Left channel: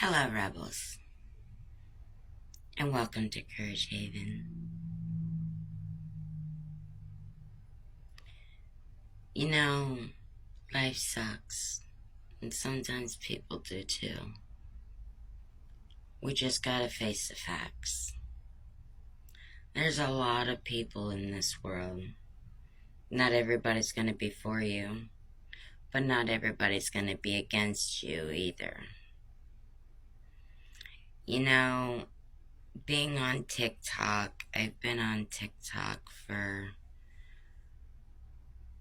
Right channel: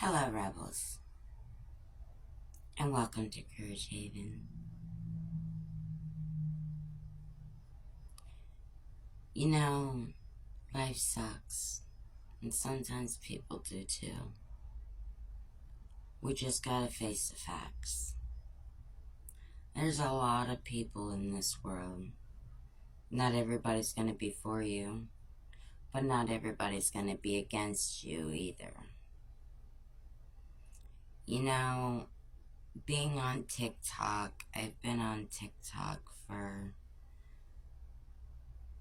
Hello, Rebels, and welcome to Courage Haven. You know, life sucks, and sometimes people do too. We just gotta face the facts. There's a lot of people in this world. Not everybody's gonna be for you, but not everybody's gonna be against you either. You know, being on TikTok, I've been on TikTok for,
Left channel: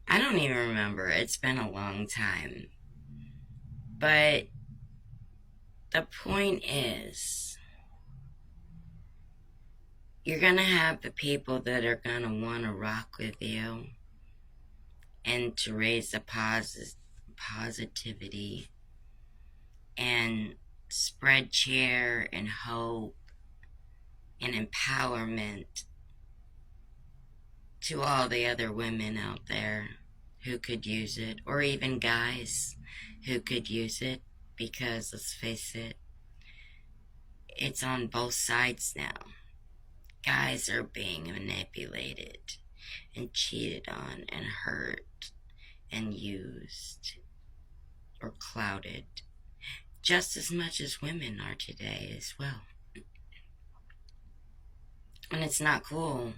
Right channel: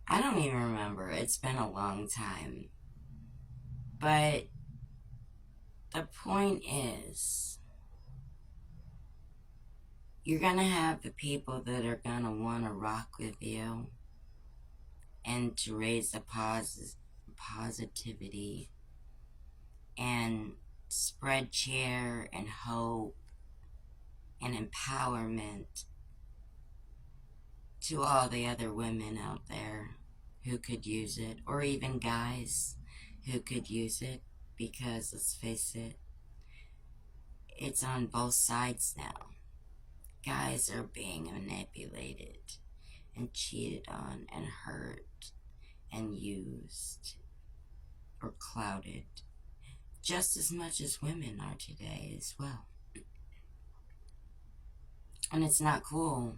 I don't even remember, it's been a long time. But the point is, you're gonna have the people that are gonna wanna rock with you and to raise the positivity and spread cheer and hope and empowerment to all the other women out there who could use it, or even guys who could use it, because let's face it, it's on both sides now. Guys are being manipulated and cheated on and hurt and used or clouded just as much as women are today as well. And it's not cool.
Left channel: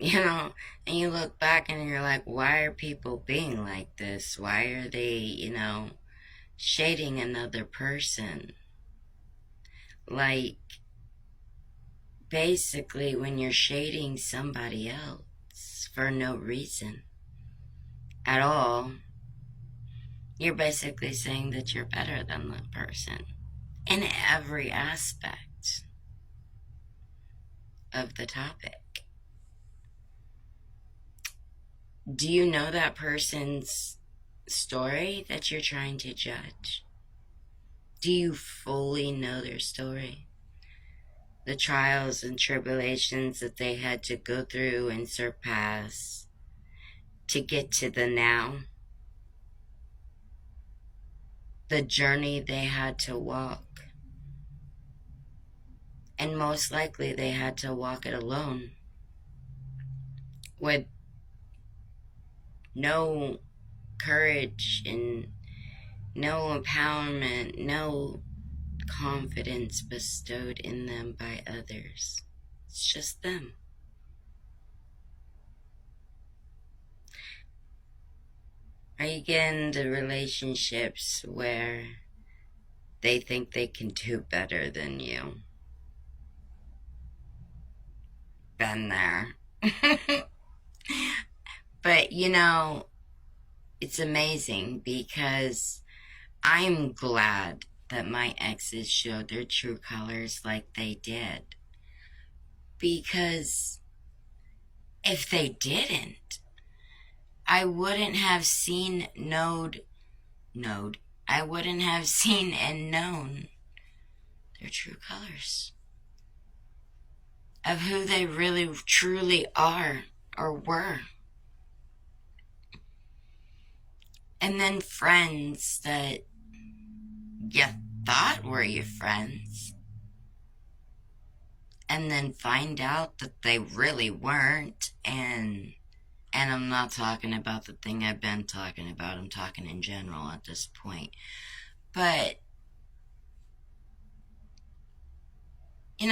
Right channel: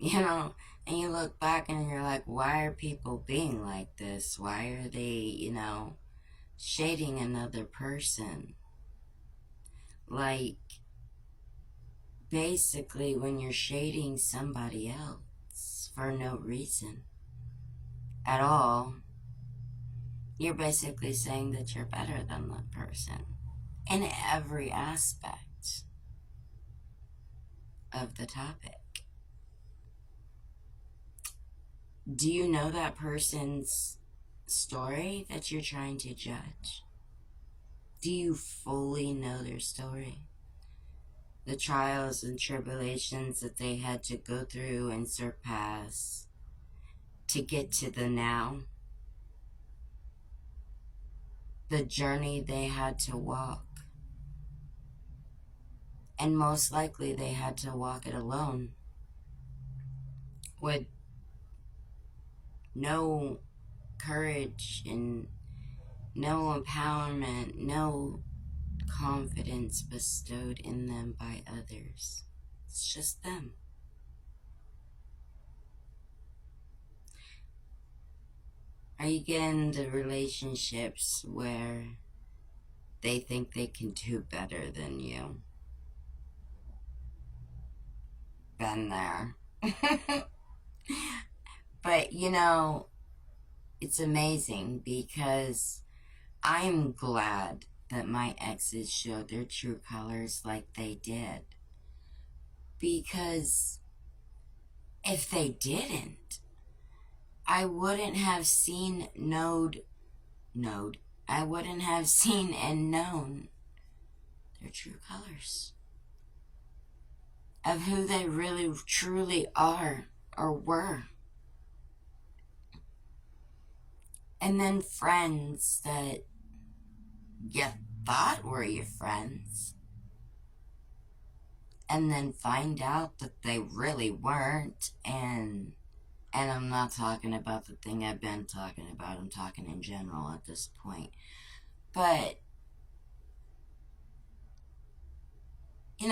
You know, and you look back and you're like, why are people being like this? Why are they, shading another person? Like, basically, when you're shading somebody else for no reason at all, you're basically saying that you're better than that person in every aspect of the topic. Do you know that person's story that you're trying to judge? Do you fully know their story? The trials and tribulations that they had to go through and surpass to get to the now? The journey they had to walk. And most likely they had to walk it alone, with no courage and no empowerment, no confidence bestowed in them by others. It's just them. Are you getting into relationships where they think they can do better than you? Been there. But it's amazing because I'm glad that my exes showed their true colors like they did. Because if they didn't, I wouldn't have seen I wouldn't have seen and known their true colors of who they really truly are or were. And then friends that you thought were your friends, and then find out that they really weren't. And I'm not talking about the thing I've been talking about, I'm talking in general at this point. But you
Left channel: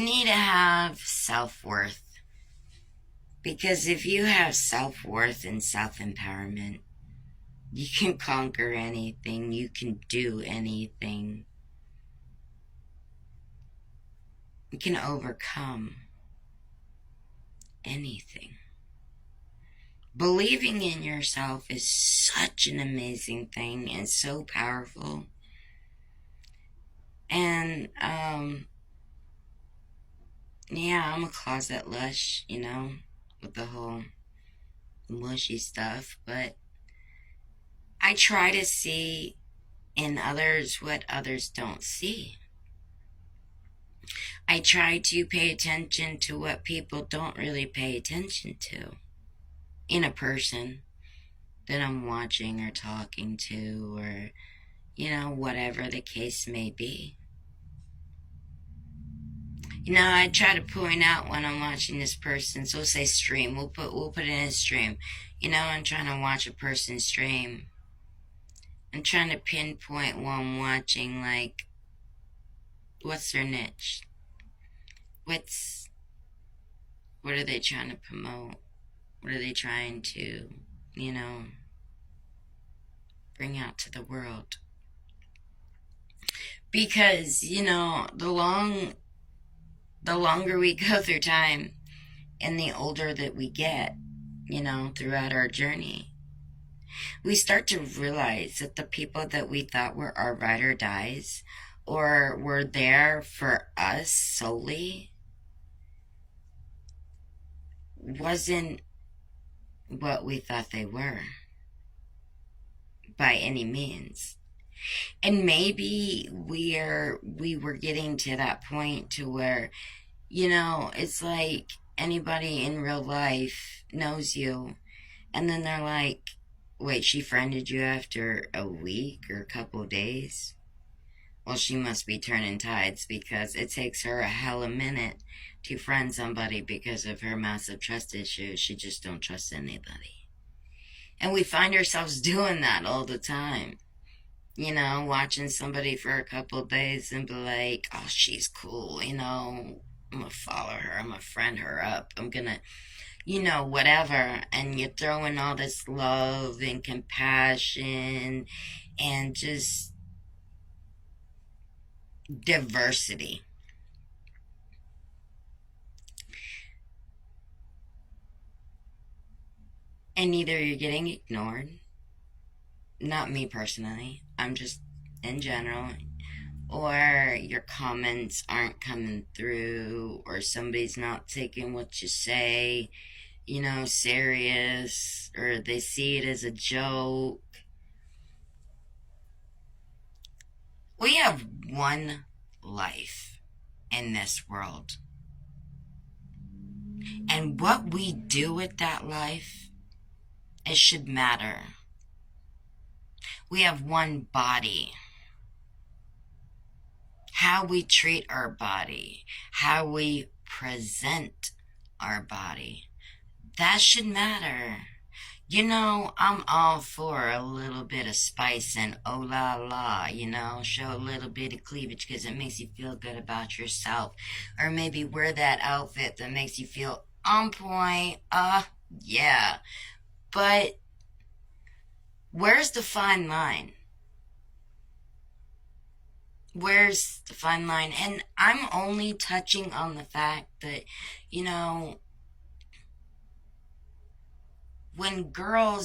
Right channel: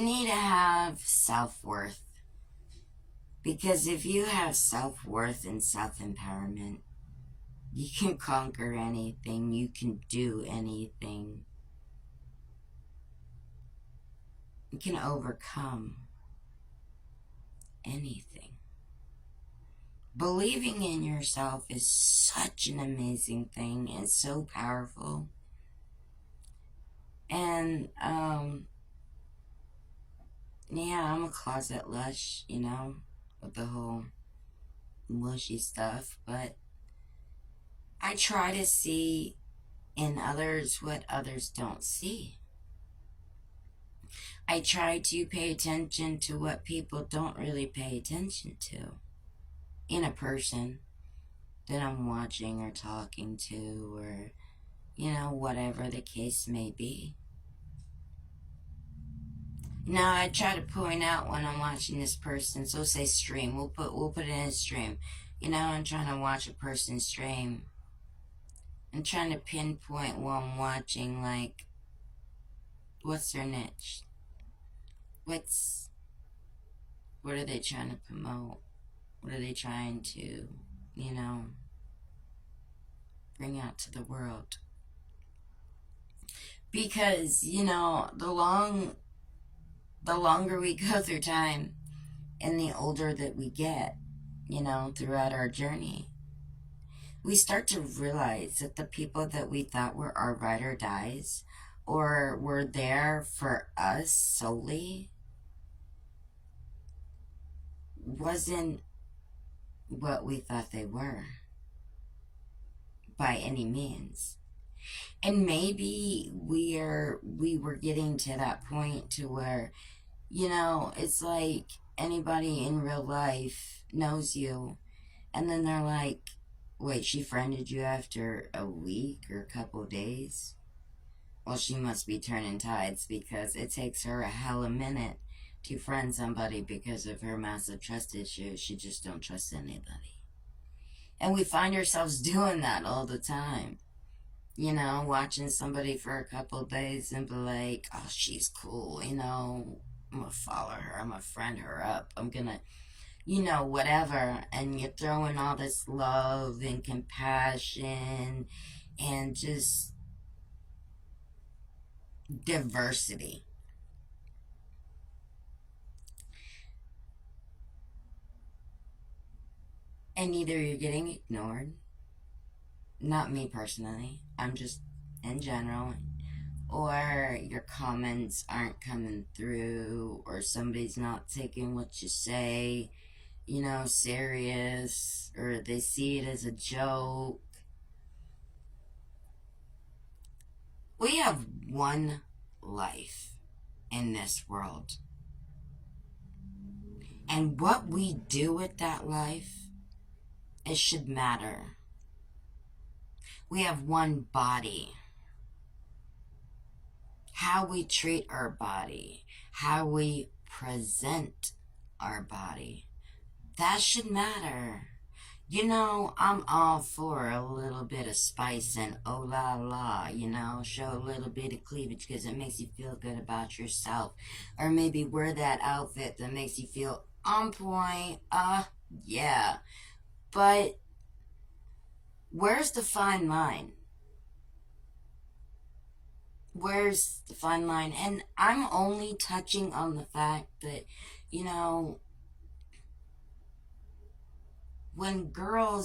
need to have self-worth, because if you have self-worth and self-empowerment, you can conquer anything, you can do anything, you can overcome anything. Believing in yourself is such an amazing thing and so powerful. And yeah, I'm a closet lush, with the whole mushy stuff, but I try to see in others what others don't see. I try to pay attention to what people don't really pay attention to in a person that I'm watching or talking to, or whatever the case may be. I try to point out when I'm watching this person. So we'll say stream. We'll put it in stream. I'm trying to watch a person stream. I'm trying to pinpoint while I'm watching, like, what's their niche? What are they trying to promote? What are they trying to, bring out to the world? Because, the longer we go through time and the older that we get, throughout our journey, we start to realize that the people that we thought were our ride or dies or were there for us solely wasn't what we thought they were by any means. And maybe we were getting to that point to where, it's like anybody in real life knows you, and then they're like, wait, she friended you after a week or a couple of days? Well, she must be turning tides, because it takes her a hell of a minute to friend somebody because of her massive trust issues. She just don't trust anybody. And we find ourselves doing that all the time. Watching somebody for a couple of days and be like, oh, she's cool, I'm gonna follow her, I'm gonna friend her up, I'm gonna, whatever. And you're throwing all this love and compassion and just diversity. And either you're getting ignored, not me personally, I'm just in general, or your comments aren't coming through, or somebody's not taking what you say, serious, or they see it as a joke. We have one life in this world. And what we do with that life, it should matter. We have one body. How we treat our body, how we present our body, that should matter. I'm all for a little bit of spice and oh la la, show a little bit of cleavage because it makes you feel good about yourself. Or maybe wear that outfit that makes you feel on point. Yeah. But where's the fine line? Where's the fine line? And I'm only touching on the fact that, when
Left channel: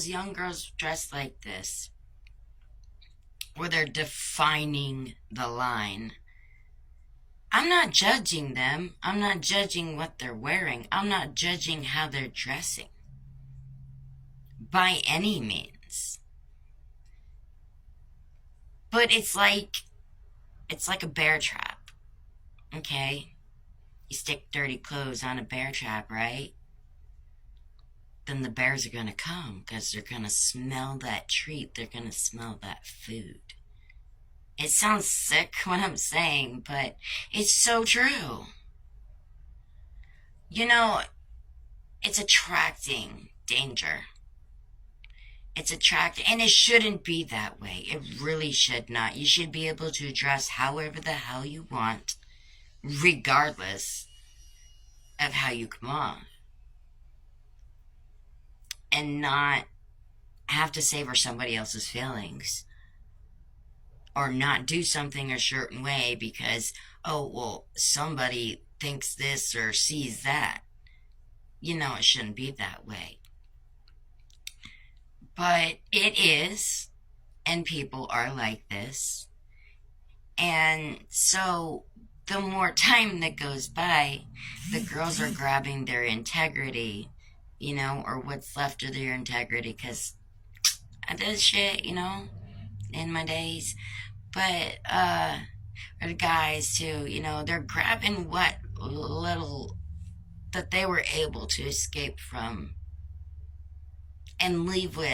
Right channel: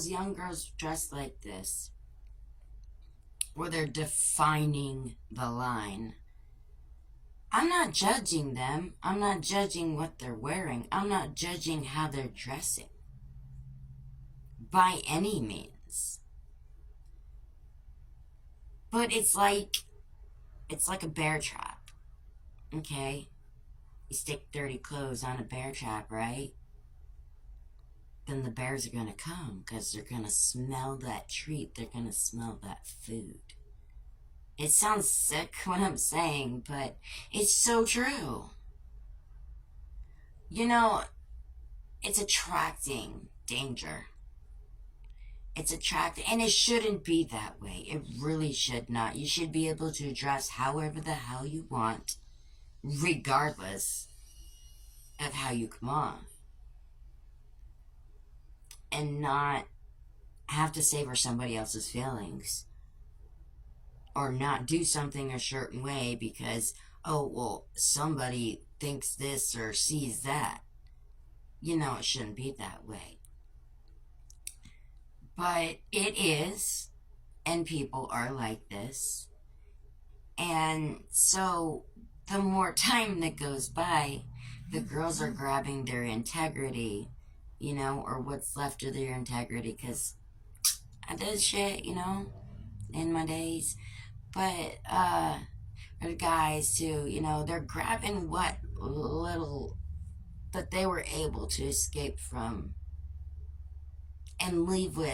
young girls dress like this, or they're defining the line, I'm not judging them. I'm not judging what they're wearing. I'm not judging how they're dressing. By any means. But it's like a bear trap. Okay? You stick dirty clothes on a bear trap, right? Then the bears are going to come because they're going to smell that treat. They're going to smell that food. It sounds sick what I'm saying, but it's so true. It's attracting danger. It's attracting, and it shouldn't be that way. It really should not. You should be able to dress however the hell you want, regardless of how you come off. And not have to savor somebody else's feelings. Or not do something a certain way because, oh, well, somebody thinks this or sees that. It shouldn't be that way. But it is, and people are like this. And so the more time that goes by, the girls are grabbing their integrity, or what's left of their integrity, because I did shit, in my days. But, or the guys too, they're grabbing what little that they were able to escape from and leave with.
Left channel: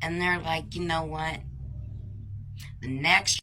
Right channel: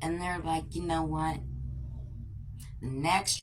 And they're like, you know what? the next